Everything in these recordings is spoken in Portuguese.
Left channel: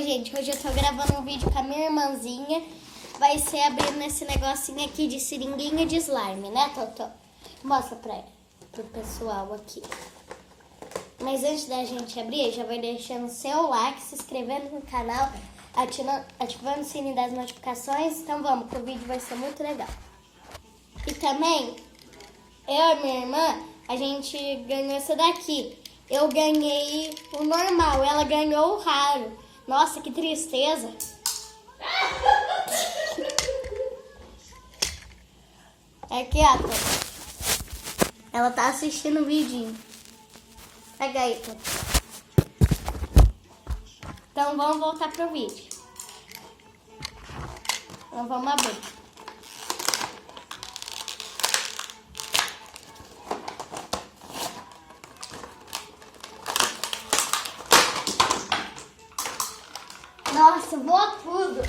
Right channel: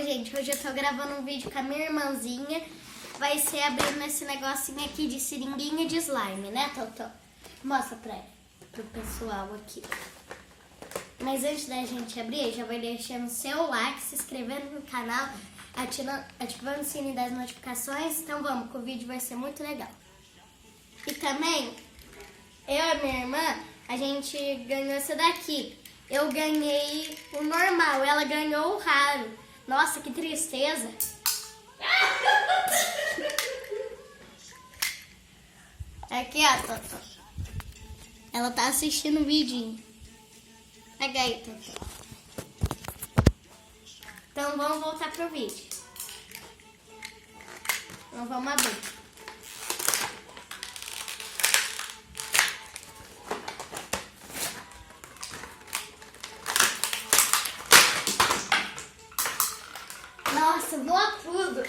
Gente, hoje eu tô gravando um vídeo com a minha irmãzinha. Vai ser abrindo esse negocinho aqui de seringuinha de slime, né, Totó? Mostra pro pessoal aqui. Mas antes da gente abrir, já vai deixando seu like, se inscrevendo no canal, ativando o sininho das notificações. Então vamos, que o vídeo vai ser muito legal. E também, eu e minha irmã, a gente ganhou essa daqui. Eu ganhei o normal, ela ganhou o raro. Nossa, que tristeza. Aqui, ó. Ela tá assistindo o vídeo. Pega aí, Tô. Então vamos voltar pro vídeo. Então vamos abrir. Nossa, voa tudo.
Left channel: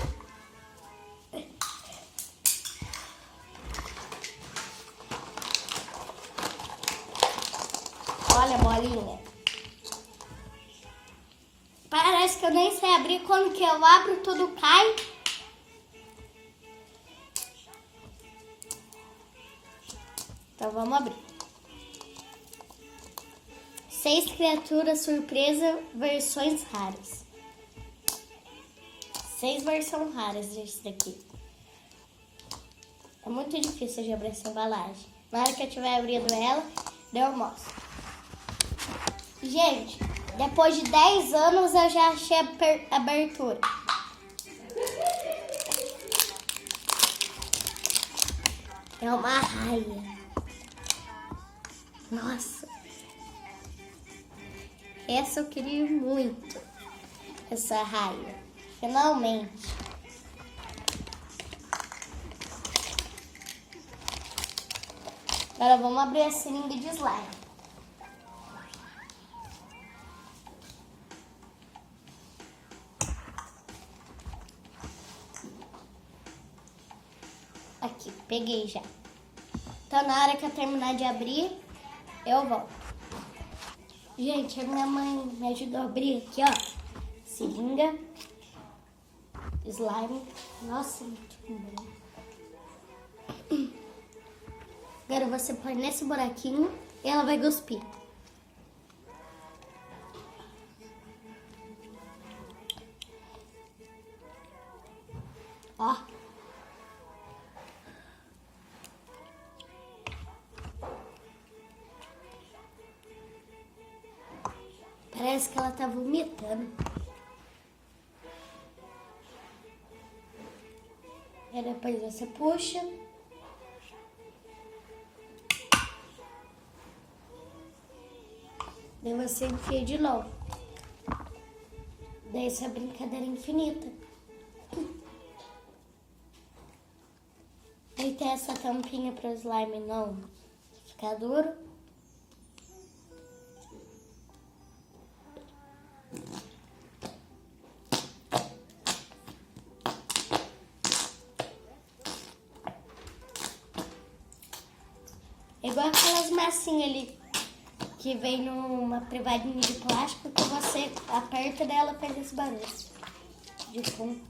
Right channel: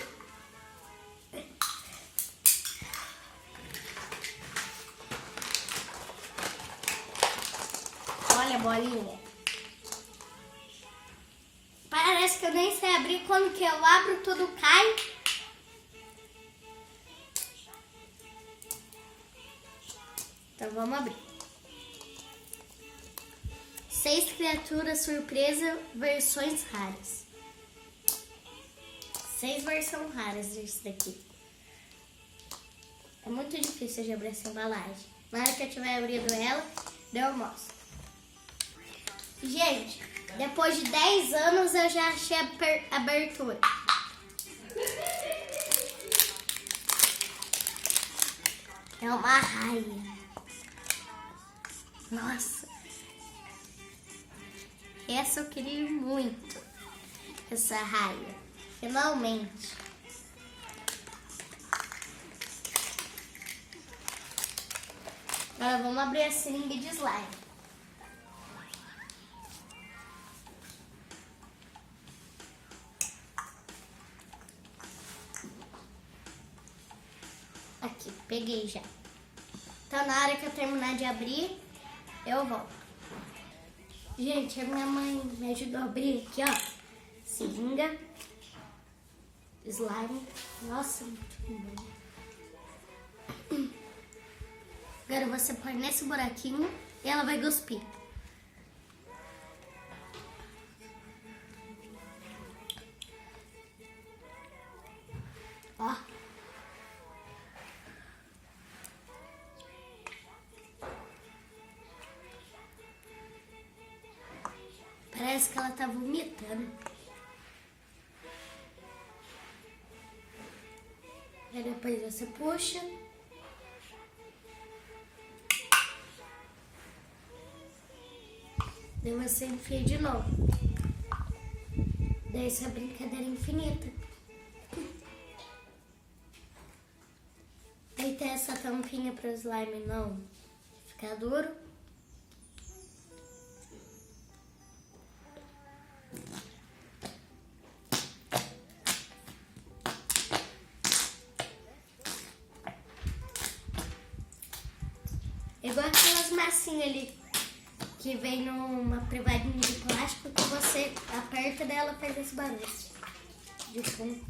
Olha a bolinha. Parece que eu nem sei abrir. Quando que eu abro, tudo cai. Então vamos abrir. 6 criaturas surpresa, versões raras. 6 versões raras desse daqui. É muito difícil de abrir essa embalagem. Na hora que eu tiver abrindo ela, eu mostro. Gente, depois de 10 anos eu já achei a abertura. É uma raia. Nossa. Essa eu queria muito. Essa raia. Finalmente. Agora vamos abrir a seringa de slime. Aqui, peguei já. Então na hora que eu terminar de abrir, eu volto. Gente, a minha mãe me ajudou a abrir aqui, ó. Seringa. Slime. Nossa, muito lindo. Agora você põe nesse buraquinho e ela vai cuspir. Ó. Parece que ela tá vomitando. E depois você puxa. Daí você enfia de novo. Daí essa brincadeira infinita. Daí tem essa tampinha para o slime não ficar duro. Igual aquelas massinhas ali que vem numa privadinha de plástico que você aperta dela faz esse barulho de fundo.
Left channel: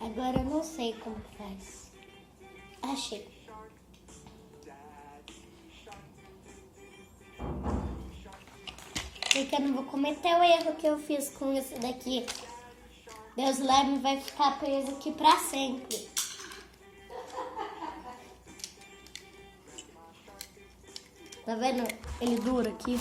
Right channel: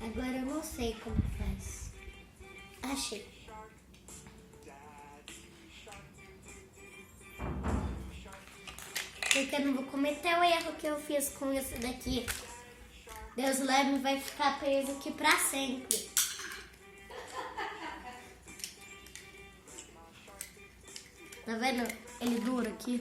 Agora eu não sei como faz. Achei. Porque eu não vou cometer o erro que eu fiz com esse daqui. Deus slime vai ficar preso aqui pra sempre. Tá vendo ele duro aqui?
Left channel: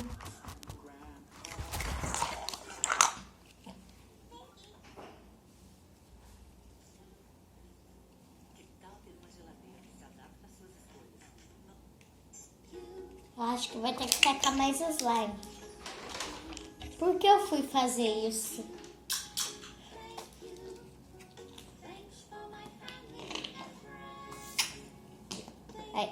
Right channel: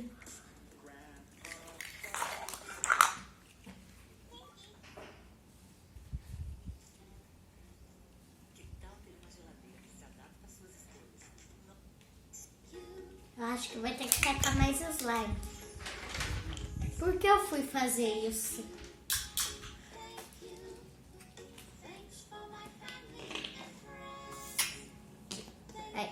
Acho que vai ter que tacar mais slime. Por que eu fui fazer isso? Aí.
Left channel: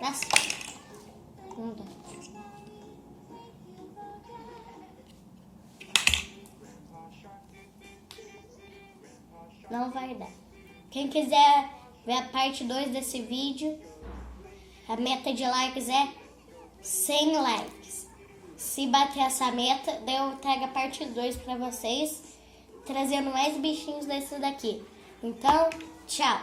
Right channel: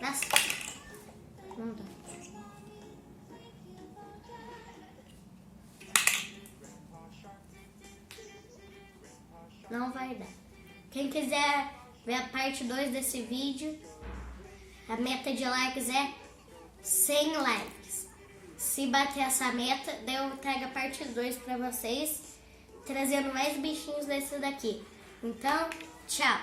Nossa. Não dá. Não vai dar. Quem quiser ver a parte 2 desse vídeo, a meta de likes é 100 likes. Se bater essa meta, daí eu trago a parte 2 pra vocês, trazendo mais bichinhos desse daqui. Então, tchau!